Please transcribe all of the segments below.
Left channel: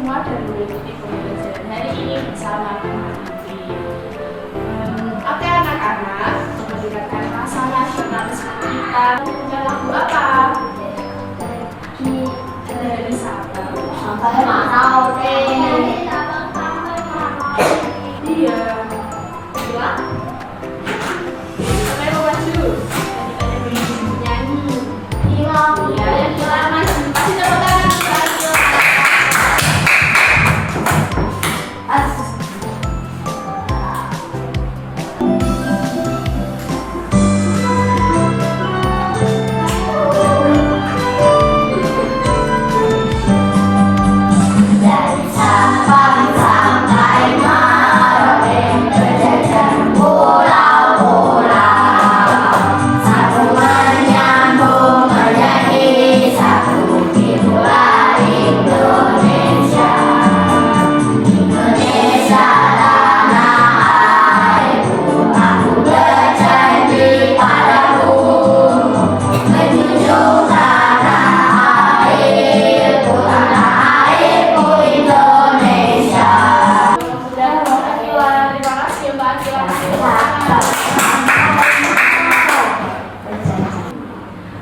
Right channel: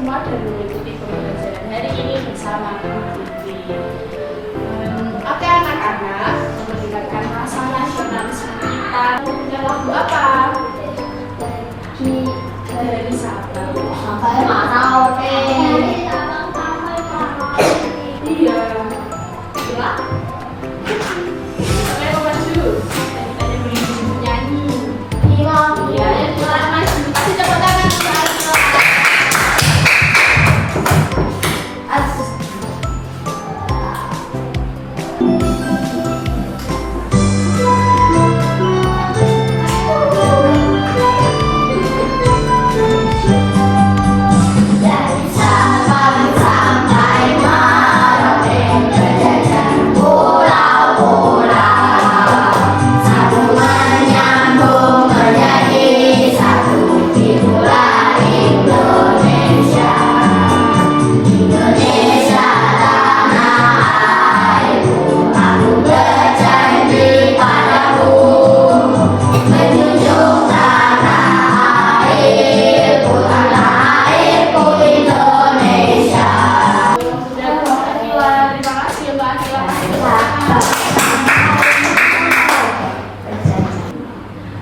semua dan mengikuti pembelajaran hari ini bersama Titi. Oke anak-anak, mendengarkan masa nasionalisme kita punya lagu apa? Dari siapa? Sampai mana? Oke. Iya. Ya. Saya mau maju. Nyanyi. Iya. Iya, yang jualan maju. Kasih tepuk tangan.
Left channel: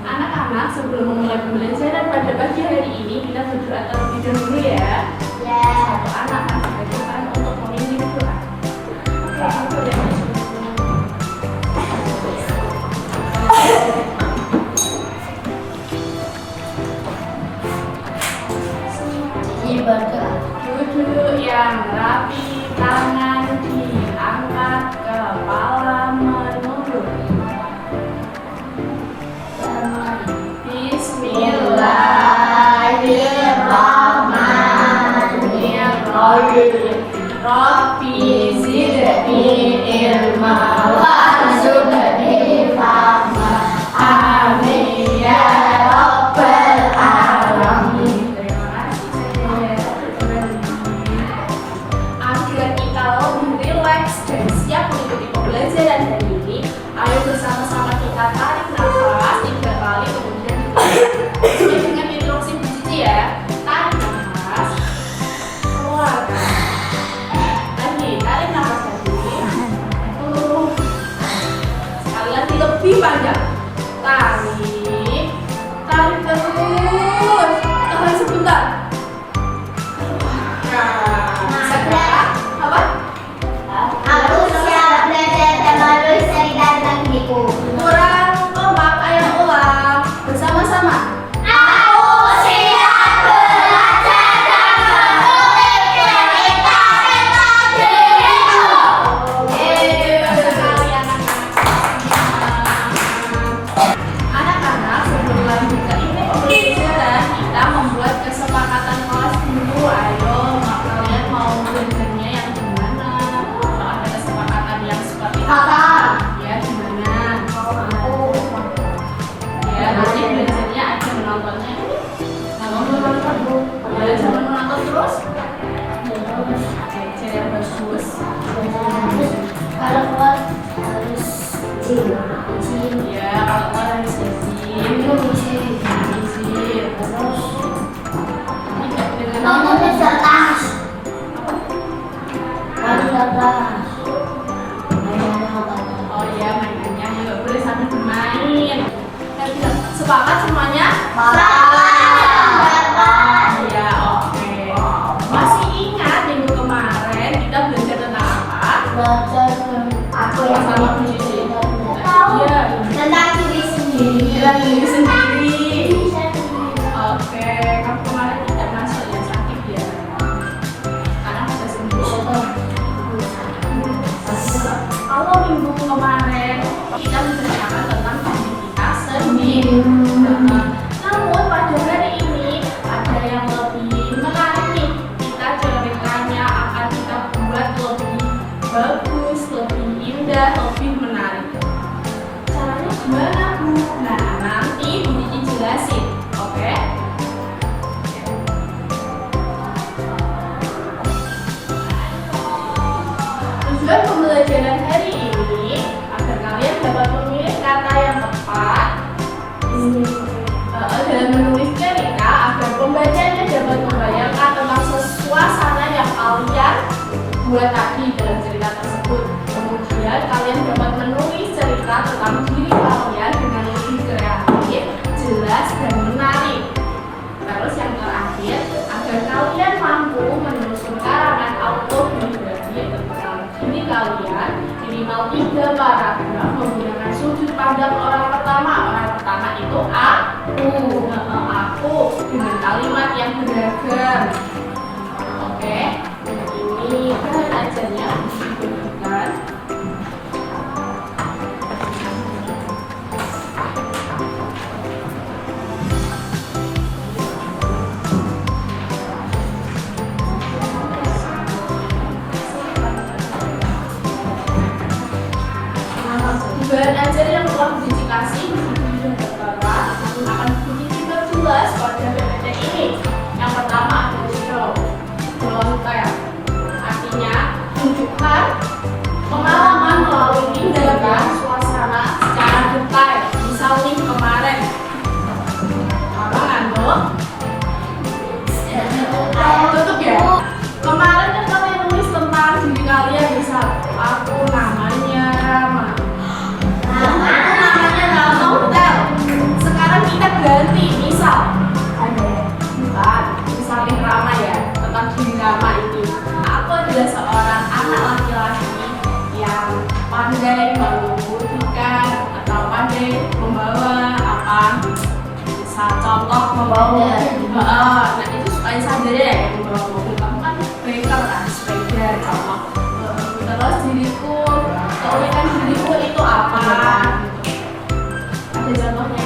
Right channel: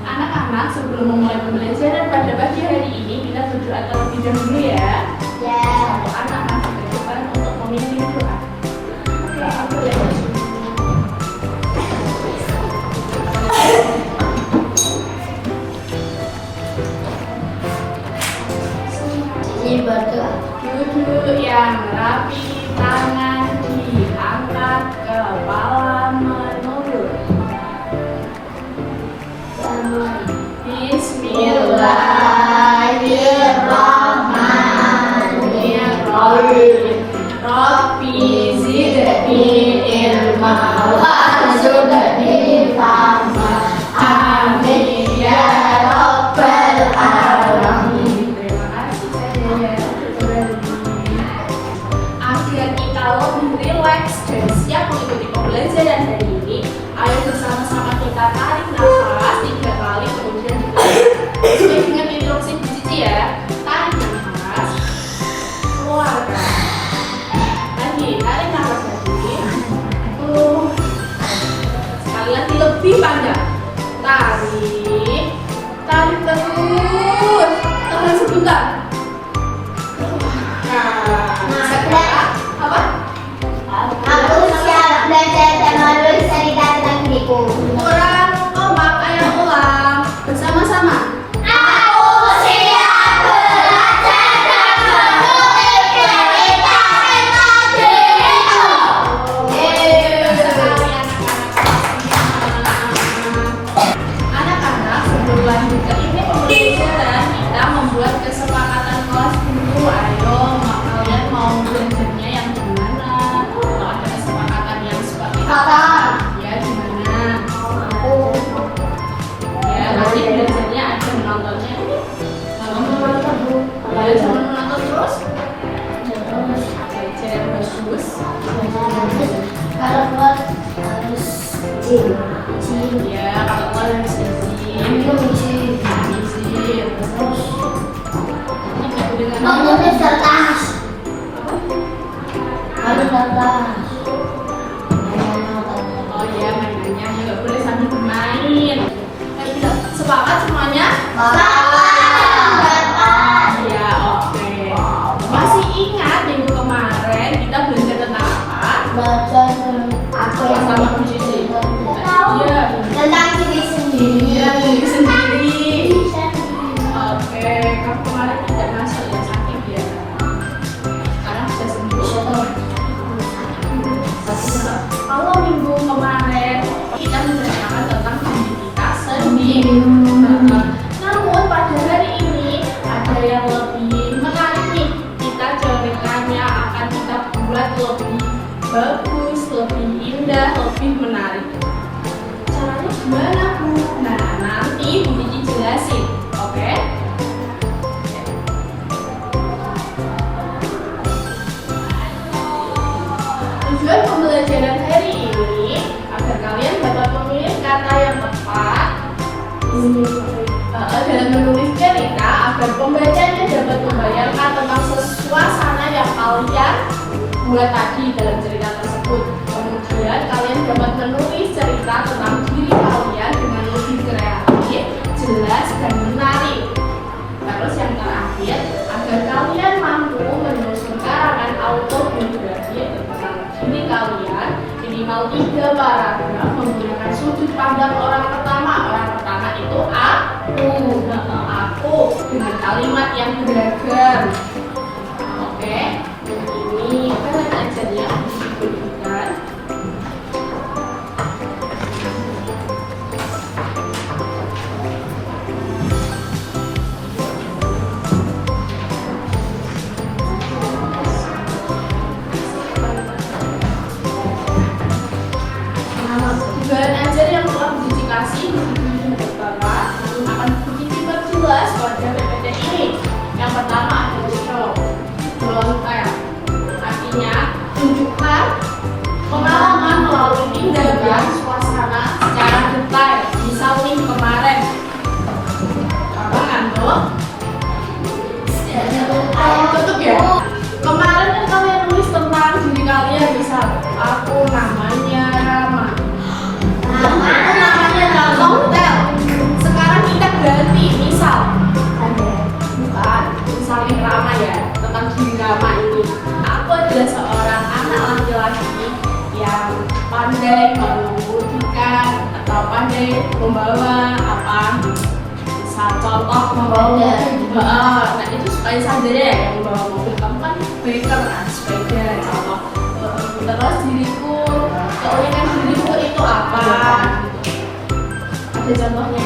Anak-anak, sebelum memulai pembelajaran pada pagi hari ini, kita berdoa terlebih dahulu ya. Ya. Anak-anak kita depan untuk memimpin doa. Oke, aku boleh maju. Ini berdoa. Duduk yang rapi, tangan diangkat, kepala menunduk. Bismillahirrahmanirrahim. Rabbi zidni ilma warzuqni fahma. Amin ya rabbal alamin. Terima kasih. Agar kita lebih rileks dan siap mengikuti pembelajaran hari ini, ayo bersama-sama kita tarik nafas 3 kali, kemudian dengan instruksi dicuci ya. Tarik nafas, keluarkan. Lagi tarik nafas lagi. Sekali lagi lebih panjang. Tarik, tarik terus. Tahan sebentar. Nah, sekarang apa? Aku siap belajar dan menulis cerita tentang diriku. Kurang kompak, ayo ulang bersama-sama. Aku siap belajar dan menulis cerita tentang diriku. Anak-anak, sebelum lanjut ke ini pembelajaran, kita membuat kesepakatan kelas dulu. Ayo, kalian mau belajarnya yang gimana? Kalau ada kesepakatan yang seperti apa? Ya, gimana? Ya, nanti belajarnya aja menontonnya. Nonton dulu. Ya, jangan menonton terus. Belajar yang bagus. Harus jin. Ya, kalau kalian bisa izin. Menulis kertas. Harus kertas. Oh iya, mainannya nggak boleh sambil bermain. Kan kita sepakat semuanya? Ya, oke. Masih ingat minggu kemarin kita belajar tentang apa? Sama kunci. Iya. Tentang diri sendiri. Iya, diri sendiri. Oke, kan kemarin tidak masuk ya, sakit ya. Sekarang bisa sembuh. Kalau minggu kemarin kita membicarakan tentang diri kita sendiri. Namun pada hari ini ada yang lebih menarik nih. Kita ceritanya akan kita buat lebih bagus, lebih indah, lebih menarik. Caranya gimana, Bu? Nah, nanti Bu Cici jelasin, oke? Tujuan pembelajaran hari ini agar kalian dapat memilih kata yang tepat dalam menulis cerita agar pembacanya dapat membayangkan tentang sesuatu buat tadi dalam cerita tersebut. Kemudian kalian dapat menulis cerita tentang diri kalian dengan lebih kreatif, jelas, dan menarik. Terus yang terakhir, agar kalian mampu menyusun karangan autobiografi tentang diri kalian, minimal 3 paragraf menggunakan sudut pandang orang pertama. Orang pertama itu aku dengan kalimat yang beragam. Oke, ini bahan ajarnya harus dibutuhkan. Bahan ajar yang telah didedikasi namun akan begitu jelas pada PPT ini. Yang pertama adalah show, kayak artinya tunjukkan pengalaman melalui tindakan suasana secara detail. Misalnya kemarin apa ngantuk? Tutup ya. Kemarin kan kalian tulis tentang diri kalian, misal aku namanya Rama. Sekarang kita ganti, misal misalnya Rama ya, tentang diri Rama ini. Aku adalah seorang anak laki-laki yang pandai mengemudikan atau pandai membawa apa, misal contoh membawa mobil. Nah itu supaya sadar ya, yang membawa mobil kamu kan biker kan, sepeda contoh. Terus diriku, keunikan diriku itu apa? Ada contohnya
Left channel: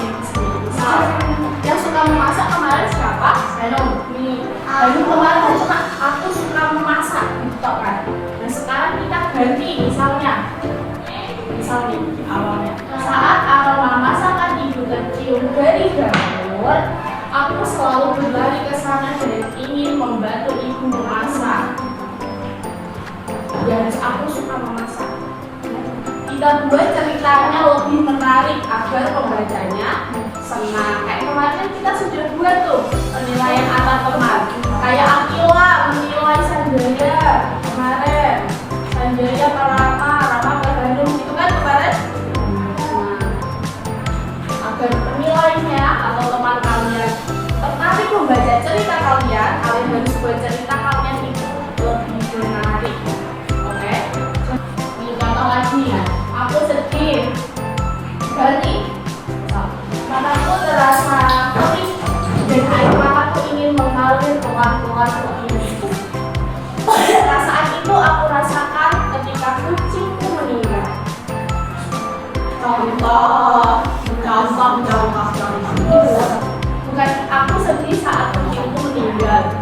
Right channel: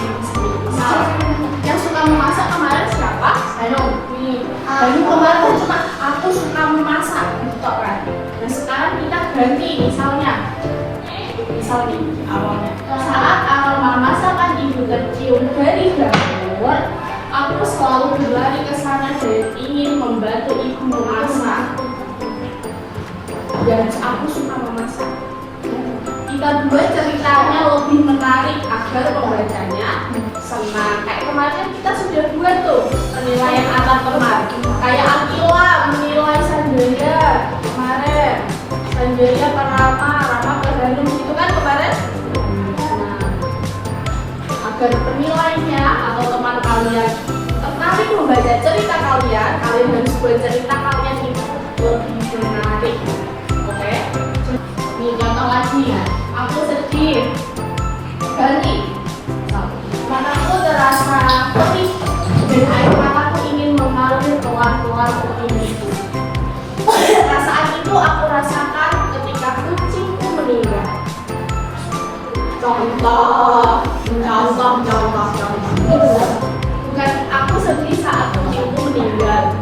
yang suka memasak kemarin siapa? Hanum. Dan kemarin aku suka memasak gitu kan. Dan sekarang kita ganti misalnya awalnya saat awal masakan ibu tercium dari dapur, aku selalu berlari ke sana dan ingin membantu ibu memasak. Dan aku suka memasak. Kita buat ceritanya lebih menarik agar pembacanya senang. Kayak kemarin kita sudah buat tuh penilaian antar teman. Kayak Akila menilai Sanjaya kemarin, Sanjaya Rama Bandung itu kan kemarin. Agar penilainya atau teman kalian tertarik membaca cerita kalian harus buat cerita kalian itu lebih menarik. Oke? Ini contoh lagi ya. Aku sedih ganti karena aku terasa perih dan air mataku ingin mengalir pelan-pelan ke tubuhku. Perasaan itu aku rasakan ketika kucingku meninggal. Contoh. Bukan aku sedih saat kucingku meninggal.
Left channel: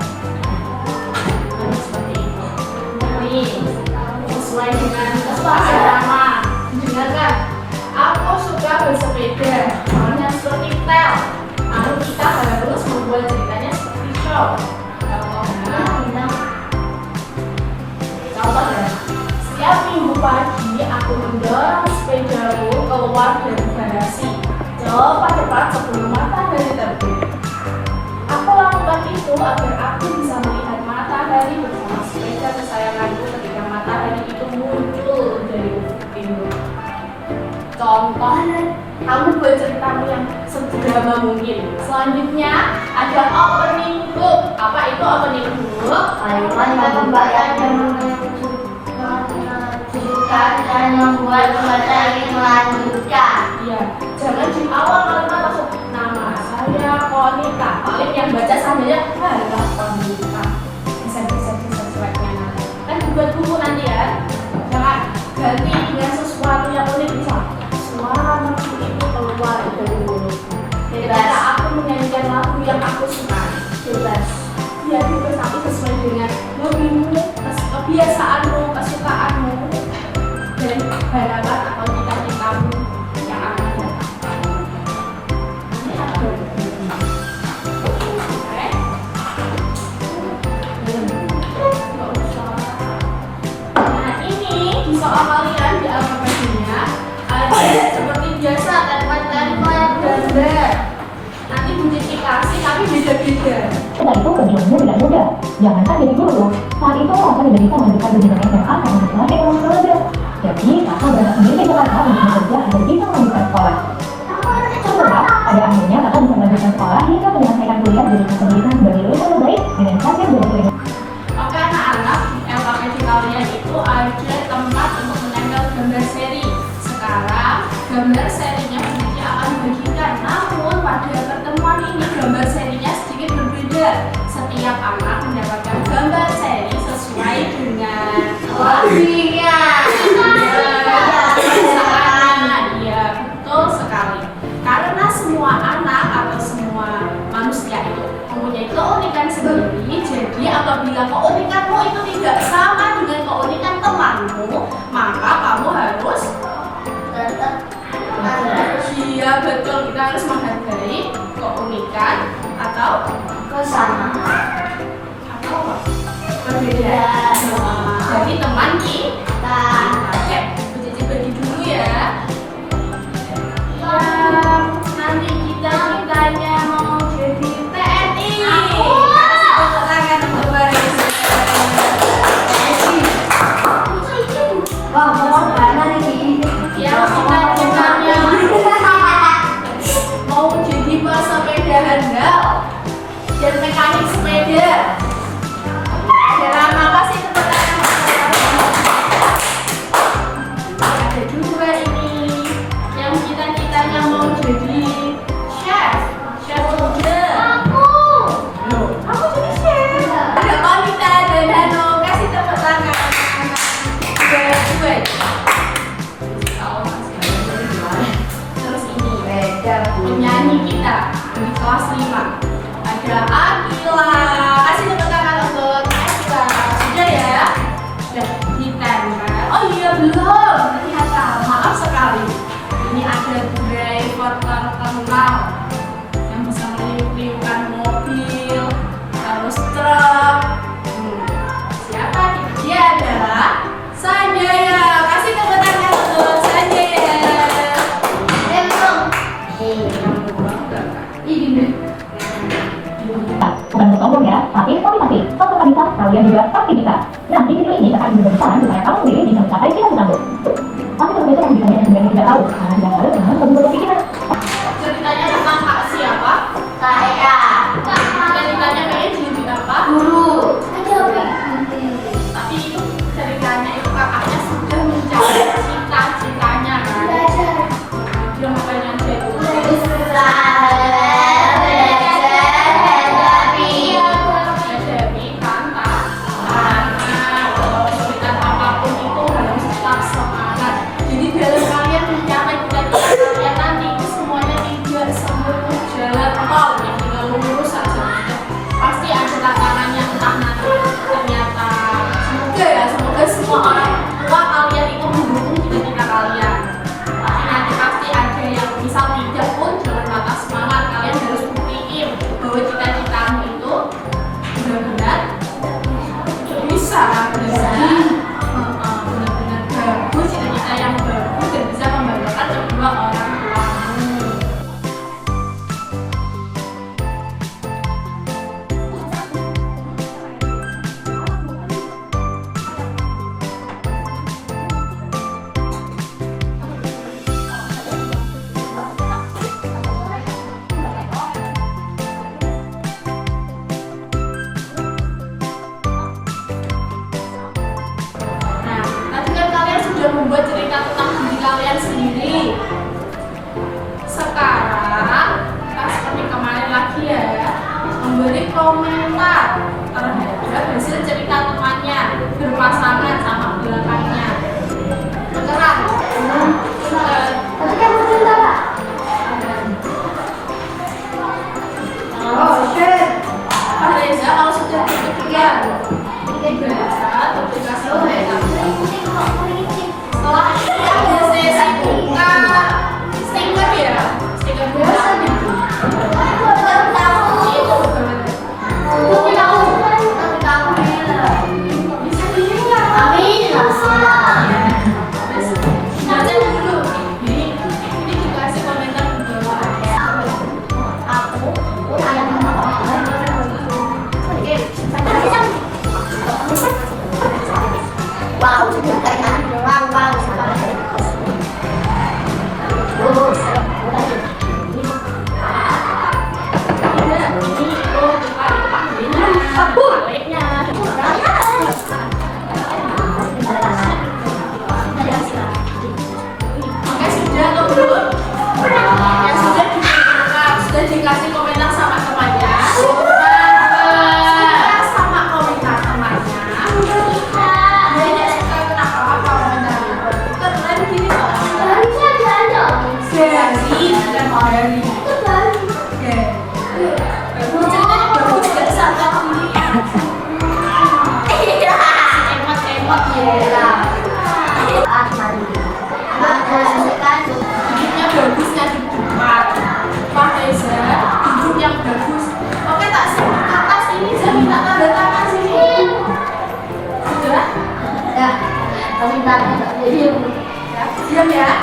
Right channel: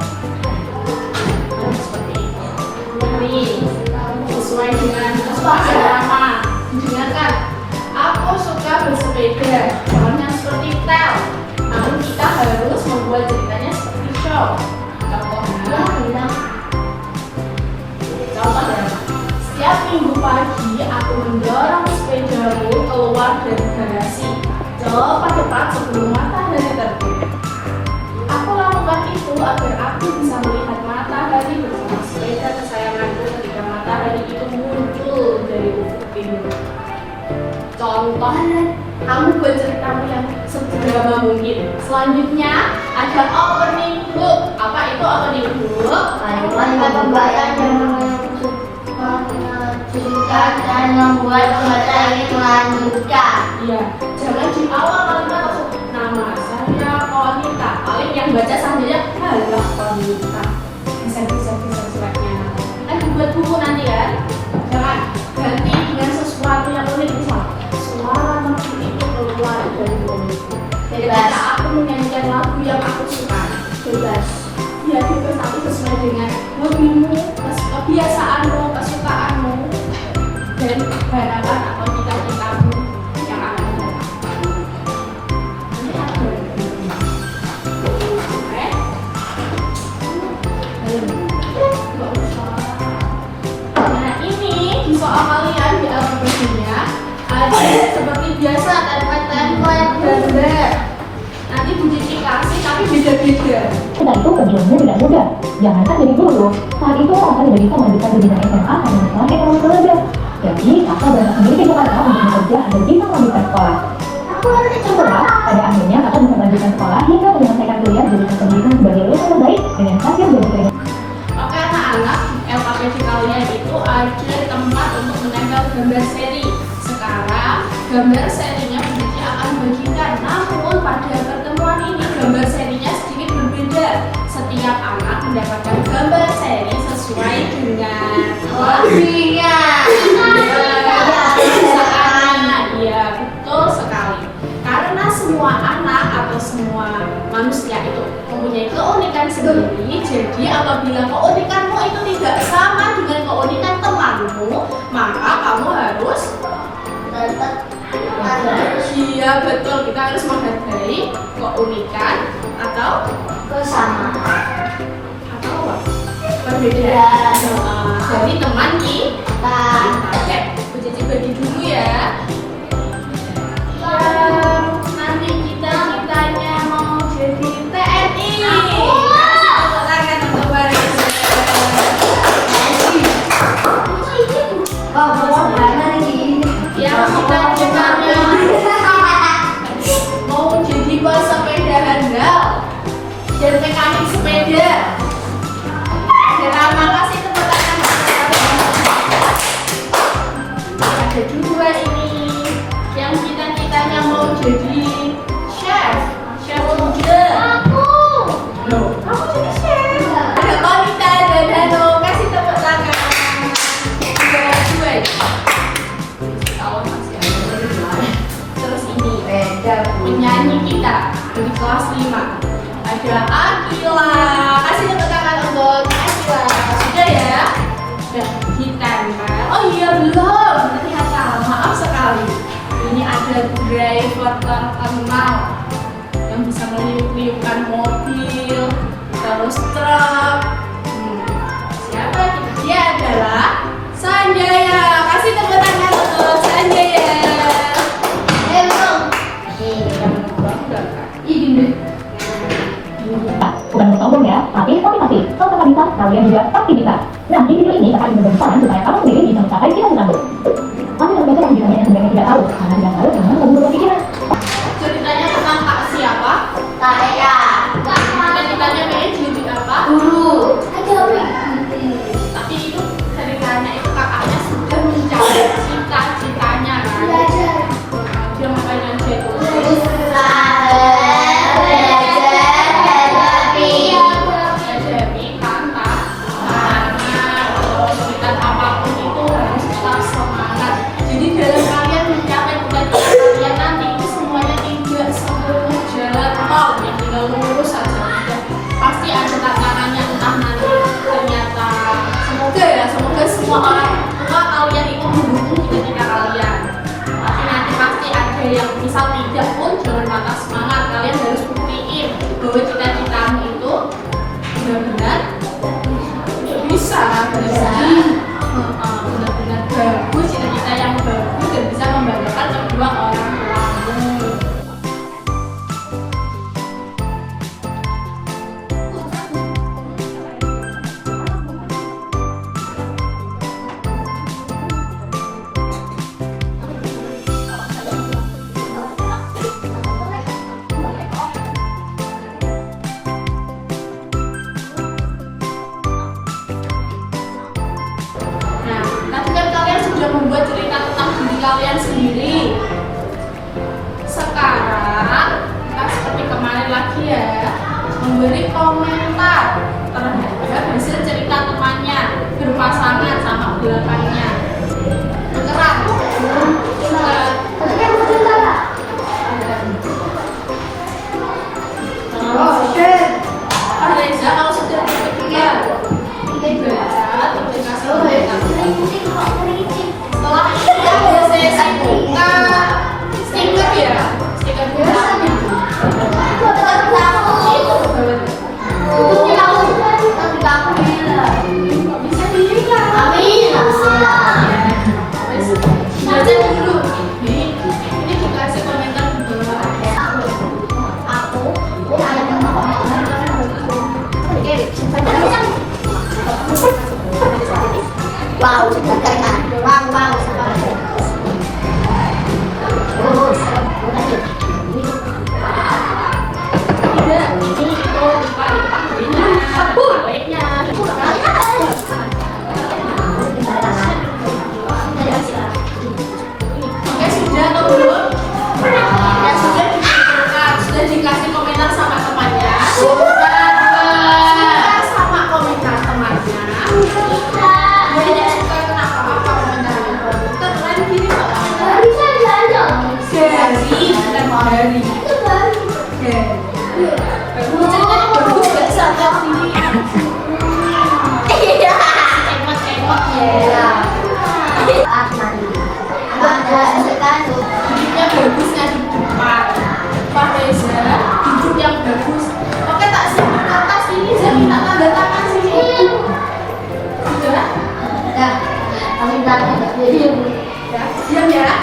Seperti itu. Ini sesuai dengan nama. Dengarkan, aku suka bersepeda, soalnya seperti tel. Lalu kita harus membuat ceritanya seperti show. Contohnya, setiap minggu pagi aku mendorong sepedaku keluar dari garasi tepat sebelum matahari terbit. Aku lakukan itu agar aku bisa melihat matahari bersama sepeda kesayanganku ketika matahari itu muncul dari ufuk timur. Contoh, kamu buat ceritamu yang seberapa mungkin. Selanjutnya ada opening book. Apa itu opening book? Pembaca yang menunjukkan dan membuat materi melanjutkan. Iya, jangan di awal kalimat langsung nama saya Konita. Paling yang baca sambilnya halo Konita. Bisa sesuainya. Kan dibuat dulu nanti ya. Jangan ganti dengan sesuatu yang unik. Misal suara musik itu keluar dari mulutku. Ketika aku menyanyikan lagu yang aku suka, bebas. Ya bebas, aku sesuai dengan lagumu, kebiasaanmu, kesukaanmu, dan harapan akan cita-citamu yang akan datang. Ini ada. Oke. Nah ini di soal kalian di aplikasinya ada seperti biasa template gambar. Nanti didedikasi tapi beda-beda. Dan itu perjuangannya tidak mudah. Jangankan jadi guru, saat itu kakak tidak bisa melanjutkan pendidikan SMA karena sekolah ekonomi keluarga. Jadi kakak berangkat sendiri ke Jakarta untuk bekerja agar bisa melanjutkan sekolah. Setelah, pada akhirnya kakak bisa melanjutkan sekolah hingga menyelesaikan kuliah jurusan pendidikan sebagai lulusan terbaik dengan hasil dari Oke anak-anak, LKPD kalian itu ada tempat untuk menempel gambar seri. Sekarang, gambar serinya peneliti akan bagikan. Namun pada pertemuan ini, gambar serinya sedikit berbeda. Setiap anak mendapatkan gambar seri sesuai dengan Lagunya. Ya, betul sekali. Karena semua anak atau semua manusia itu mempunyai keunikan sendiri, jadi apabila keunikanmu itu tidak sama dengan keunikan temanmu, maka kamu harus iya betul, kita harus menghargai keunikan atau Bersama. atau apa? Perbedaan. Jadi teman Kita. oke, Bu Cici bagi dulu ya. Yang nanti cita-citanya mau jadi TNI. Tepuk tangan untuk Baris. Wah, mau mana nih? Yang cita-citanya mau jadi pesepeda handal dan mekanik sepeda. Terima kasih tepuk tangan. Ada juga ini yang cita-citanya mau jadi chef muda. Loh, kamu jadi chef? Ada Komita dan Hano, kasih tepuk tangan. Terus ini penyanyi kita di kelas 5 ada Akila. Kasih tepuk tangan untuk Akila. Sudah ya? Sudah kita kan? Oh iya belum. Ternyata maaf sekali. Ini ada driver terkenal yang bisa meliuk-liukkan mobil, terus truk. Siapa? Dia adalah Sanjaya. Kasih tepuk tangan untuk Sanjaya. bukan untuk sombong ya, tapi motivasi. Kalau kamu bisa, kalian juga pasti bisa. Nah, di video ini akan memberi saran supaya kamu sendiri bisa mencapai cita-citamu. Kamu harus belajar yang ditanya yang sebenarnya tidak tahu, karena tidak tahu memang belum berpikiran. Ceritanya tentang kak siapa? Saya. Ceritanya kayak jadi apa? Guru. Tapi itu ceritanya itu kakaknya sudah mencapai cita-citanya kan? Dia makanya jadi hadapi tantangan, kesulitan apapun itu harus tetap semangat. Jadi dalam kalian mencapai cita-cita kalian nanti itu semuanya tidak seluruh jalan tol yang tinggal lurus saja. Pasti ada tantangannya, entah nanti ternyata semoga semua orang tua kalian itu mendukung cita-cita kalian. Tapi nanti pasti ada yang misal tidak pun jangan patah semangat. Kalian harus buktiin bahwa cita-citamu itu benar-benar bisa benar-benar bagus, cita-cita yang bagus dan bisa membanggakan kedua orang tuamu. Nah, nanti kan kalian sudah membuat cerita tentang diri kalian sendiri. Sekarang kita seperti kemarin lagi ya, memberi komentar terhadap hasil cerita temannya berpasangan sama belakangnya. Bergerak. Reza kalau sudah berkenan setelah ini ada sesi buka stiker ya, stiker buka itu betul-betul.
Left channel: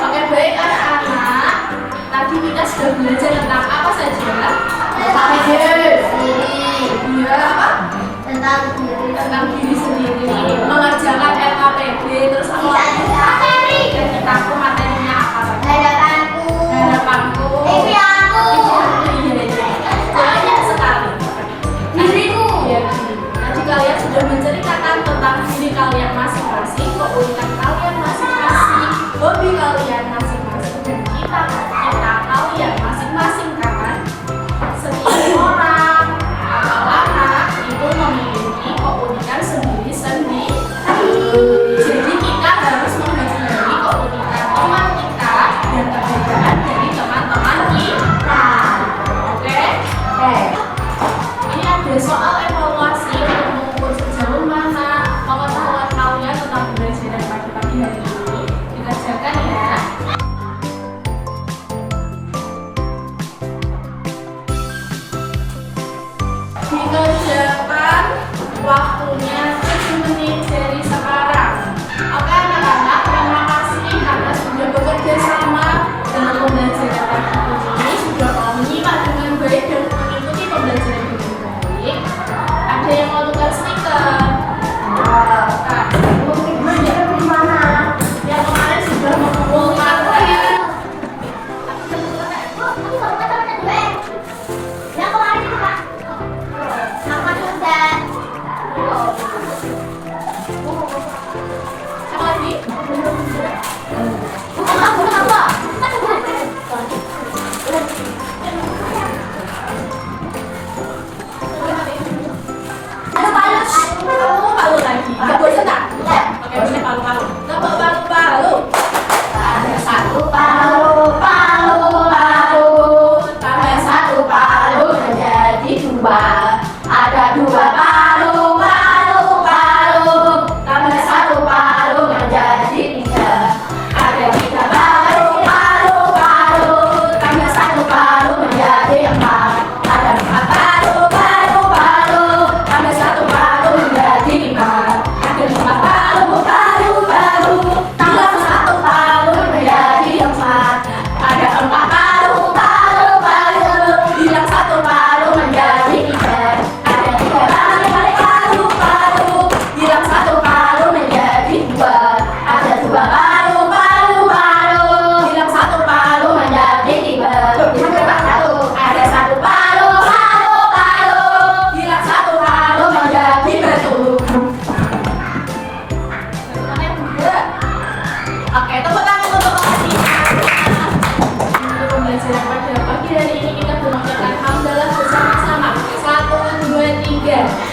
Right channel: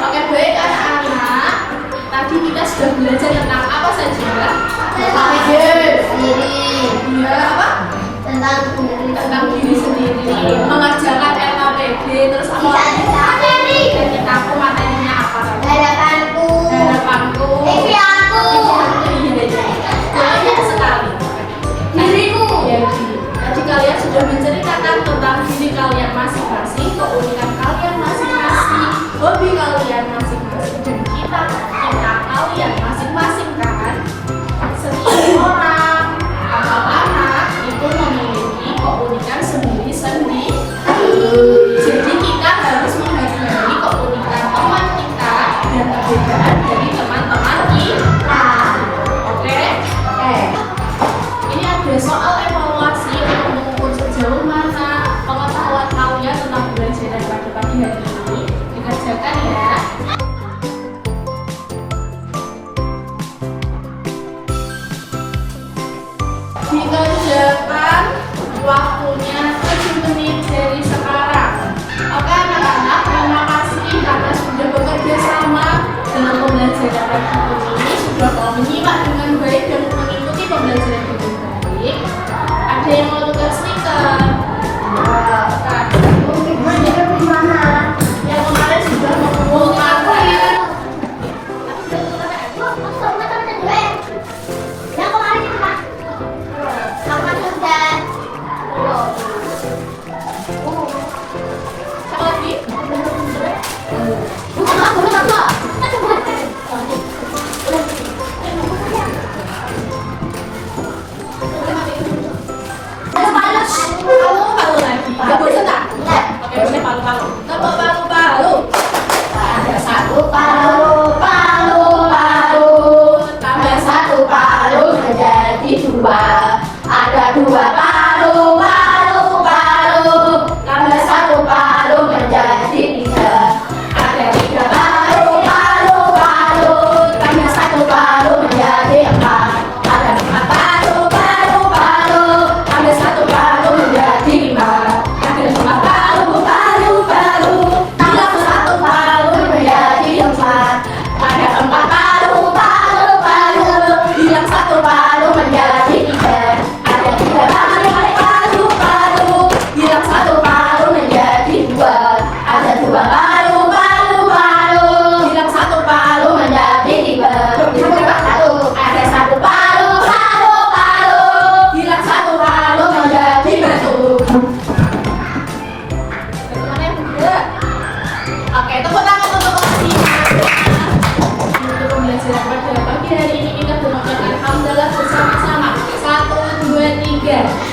Oke, baik anak-anak. Tadi kita sudah belajar tentang apa saja? Iya, apa? Tentang diri sendiri, mengerjakan LKPD, terus apa lagi? Dan kita materinya apa saja? Harapanku. Iya, banyak sekali. Tadi kalian sudah menceritakan tentang diri kalian masing-masing, keunikan kalian masing-masing, hobi kalian masing-masing, dan kita tentang kalian masing-masing kan. Setiap orang atau anak itu memiliki keunikan sendiri-sendiri. Jadi kita harus menghargai keunikan teman kita dan perbedaan dari teman-teman kita. Oke? Ini ada soal evaluasi untuk mengukur sejauh mana pengetahuan kalian tentang pembelajaran pagi-pagi hari ini. Dikerjakan ya. Dikerjakan waktunya 7 menit dari sekarang. Oke anak-anak, terima kasih karena sudah bekerja sama dalam pembelajaran pagi ini, sudah mau menyimak dengan baik dan mengikuti pembelajaran dengan baik. Ada yang mau tukar stiker? Yang kemarin sudah mengumpulkan ya. Siapa lagi? Palu lagi. Gak boleh tak? Oke, boleh palu-palu. Tepuk palu-palu. Ada satu palu-palu. Tambah satu palu menjadi dua. Ada dua palu-palu. Tambah satu palu menjadi tiga. Ada tiga palu-palu. Tambah satu palu menjadi empat. Ada empat palu-palu. Tambah satu palu menjadi lima. Ada lima palu-palu. Tambah satu palu menjadi empat. Ada empat palu-palu. Bilang satu palu menjadi tiga. Ada tiga palu-palu. Bilang satu palu menjadi dua. Ada dua palu-palu. Bilang satu palu menjadi tiga. Ada satu palu-palu. Bilang satu palu menjadi batu. Bagaimana yang muda? Oke, tepuk tangan untuk Adina. Untuk pembelajaran pada pagi hari ini kita mengucapkan hamdalah bersama-sama. 1, 2, 3.